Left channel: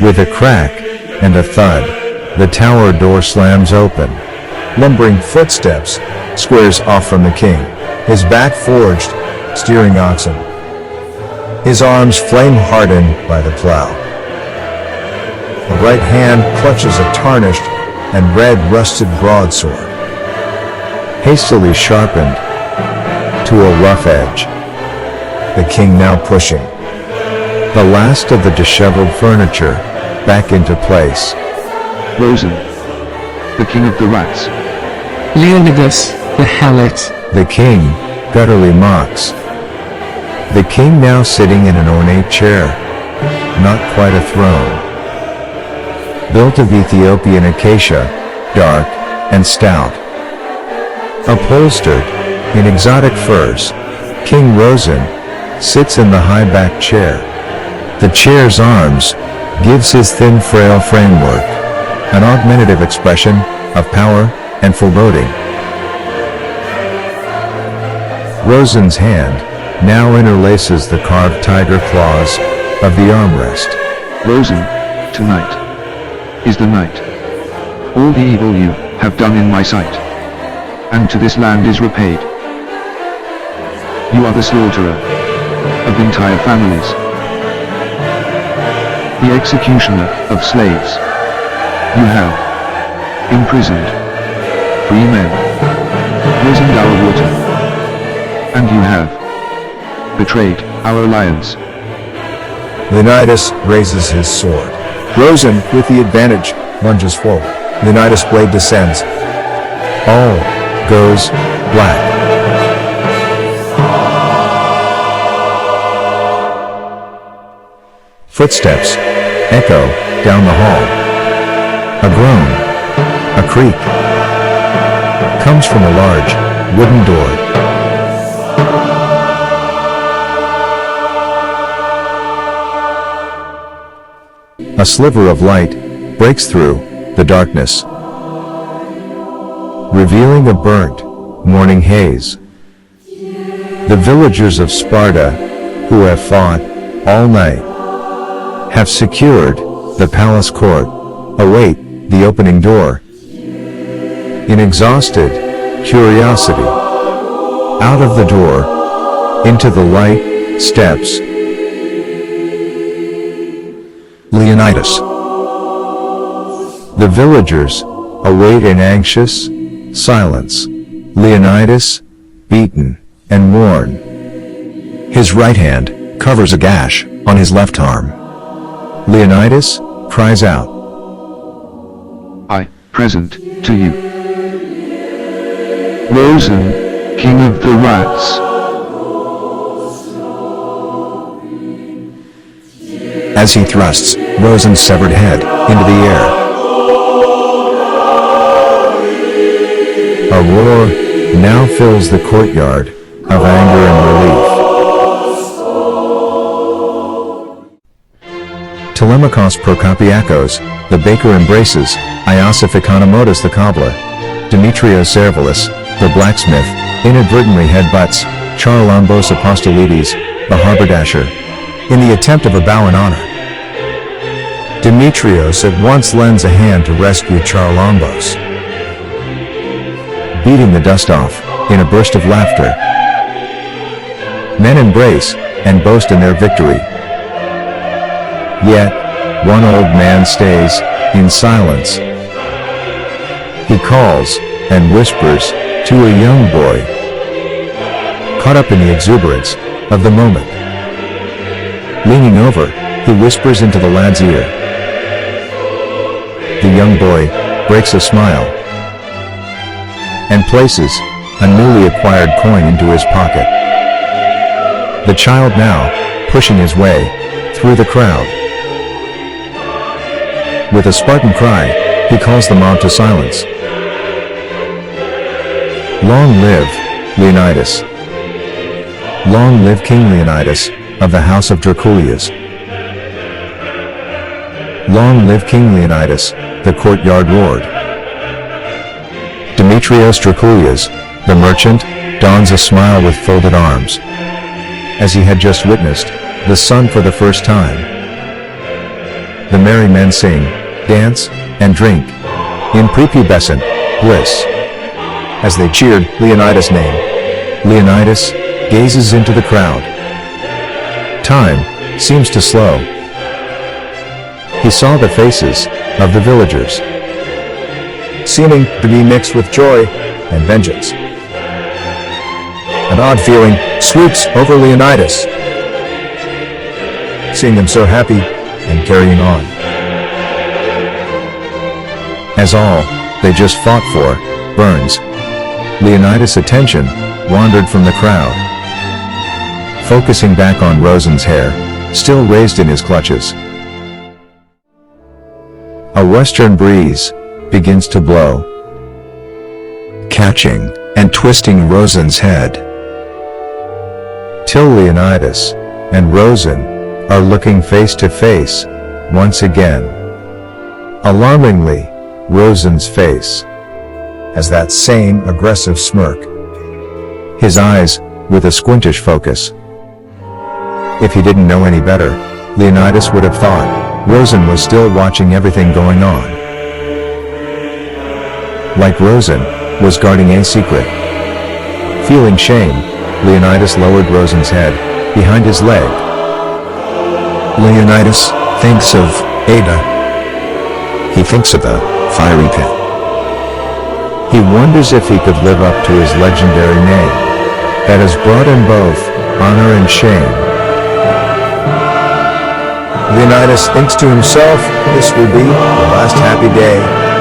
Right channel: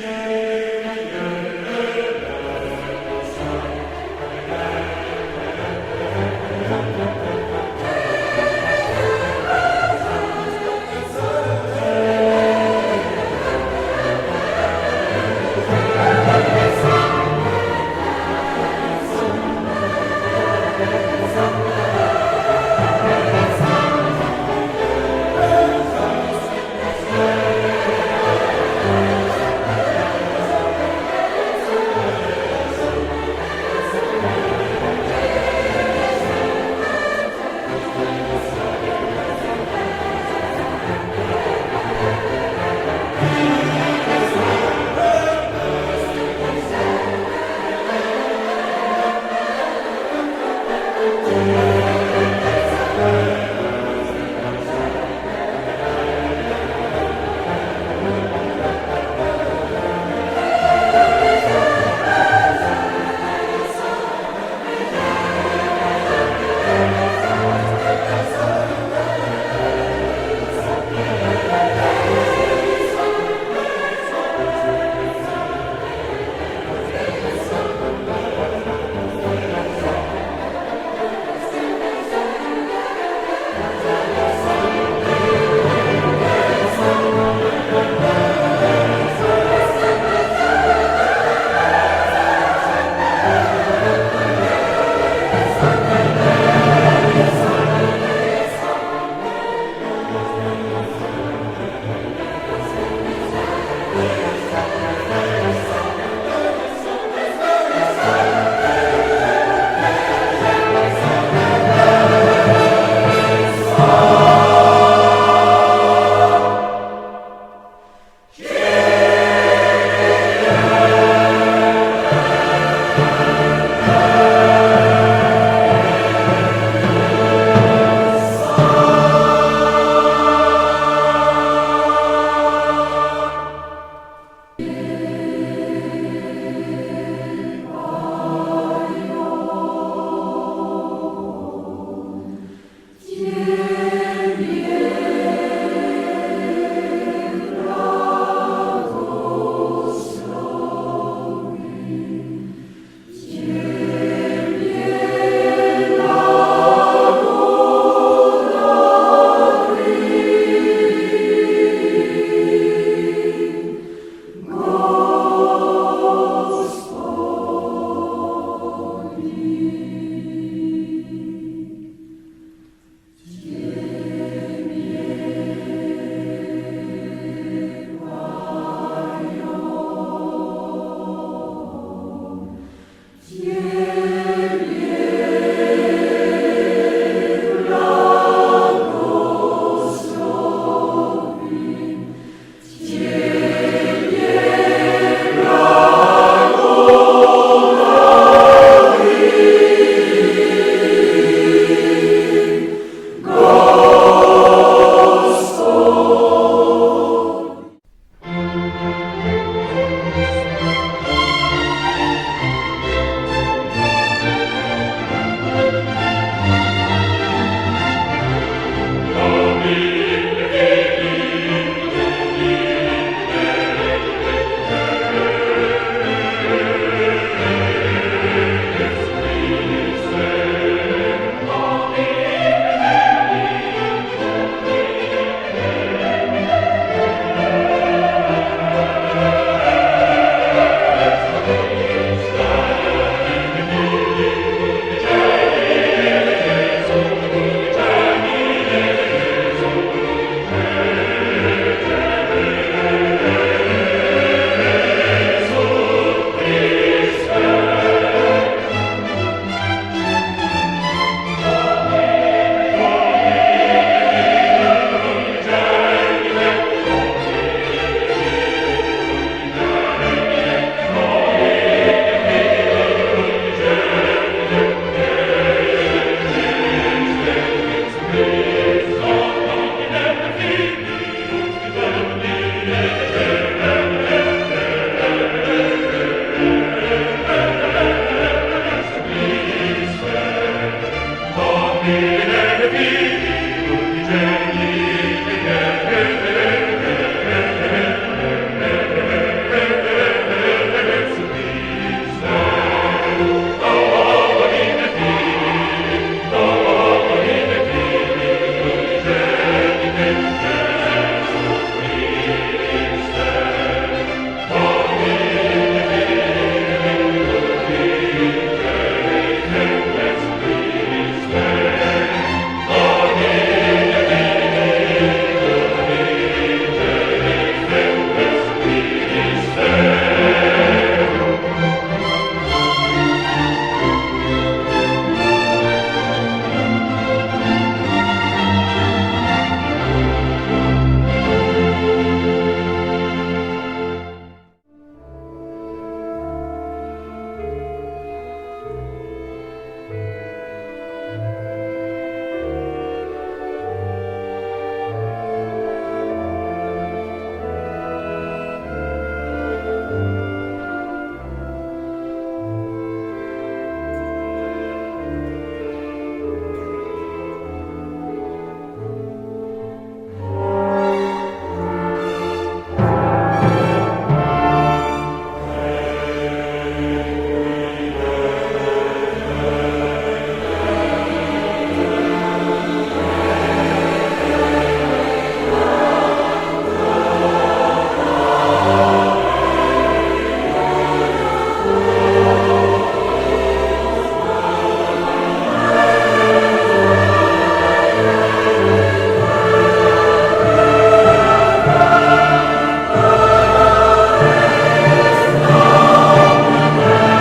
With a crack and a thud, the tower door slams open. Lumbering footsteps squares off from the king, his back forged, steering oxen. His arms flame-hardened by the plow. The right hand clutches a tarnished and red-rusted broadsword, hastily sharpened to a rough edge. The king now pushing the last of the disheveled furniture back into place. Rosen, the king of the rats. Leonidas, the helot. The king bitterly mocks. The king now sitting in an ornate chair, not quite a throne. Built of Ethiopian acacia, dark and stout. Upholstered in exotic furs, King Rosen sits in the high-backed chair. The chair's arms gives his thin frail framework an augmentative expression of power and foreboding. Rosen's hand now interlaces the carved tiger claws of the armrest. Rosen, tonight is the night. All the evil you have done in my sight, and to this land is repaid. You are the slaughterer of entire families, the executioner of slaves. You have imprisoned free men, poisoned our water, and you have betrayed our alliance. Leonidas raises his sword. Rosen, with the advantage, lunges forward. Leonidas' blade descends. All goes black. Footsteps echo down the hall. A groan, a creak, comes from a large wooden door. A sliver of light breaks through the darkness, revealing a burnt morning haze. The villagers of Sparta, who have fought all night, have secured the palace court, await the opening door. In exhausted curiosity, out of the door, into the light steps Leonidas. The villagers await in anxious silence. Leonidas, beaten and worn. His right hand covers a gash on his left arm. Leonidas cries out, I present to you Rosen, king of the rats. as he thrusts Rosen's severed head into the air. A roar now fills the courtyard of anger and relief. Telemachus Prokopiakos, the baker embraces Iosif Economotus the cobbler. Demetrios Servalus, the blacksmith, inadvertently headbutts Charalambos Apostolides, the haberdasher, in the attempt of a bow in honor. Demetrios at once lends a hand to rescue Charalambos, beating the dust off in a burst of laughter. Men embrace and boast in their victory. Yet, one old man stays in silence. He calls and whispers to a young boy, caught up in the exuberance of the moment. Leaning over, he whispers into the lad's ear. The young boy breaks a smile and places a newly acquired coin into his pocket. The child now pushing his way through the crowd. With a Spartan cry, he calls the mob to silence. Long live Leonidas. Long live King Leonidas of the house of Draculius. Long live King Leonidas, the courtyard lord. Demetrios Draculius, the merchant, dons a smile with folded arms, as he had just witnessed the sun for the first time. the merry men sing, dance, and drink in prepubescent bliss. As they cheered Leonidas' name, Leonidas gazes into the crowd. Time seems to slow. He saw the faces of the villagers, seeming to be mixed with joy and vengeance. An odd feeling sweeps over Leonidas, seeing them so happy and carrying on. As all they just fought for burns, Leonidas' attention wandered from the crowd, focusing back on Rosen's hair, still raised in his clutches. A western breeze begins to blow, catching and twisting Rosen's head, till Leonidas and Rosen are looking face to face once again. Alarmingly, Rosen's face has that same aggressive smirk, his eyes with a squintish focus. If he didn't know any better, Leonidas would have thought Rosen was still watching everything going on, like Rosen was guarding a secret. Feeling shame, Leonidas lowered Rosen's head behind his leg. Leonidas thinks of Ada. He thinks of the fiery pit. He wonders if he could live up to his legendary name that has brought him both honor and shame. Leonidas thinks to himself, this will be the last happy day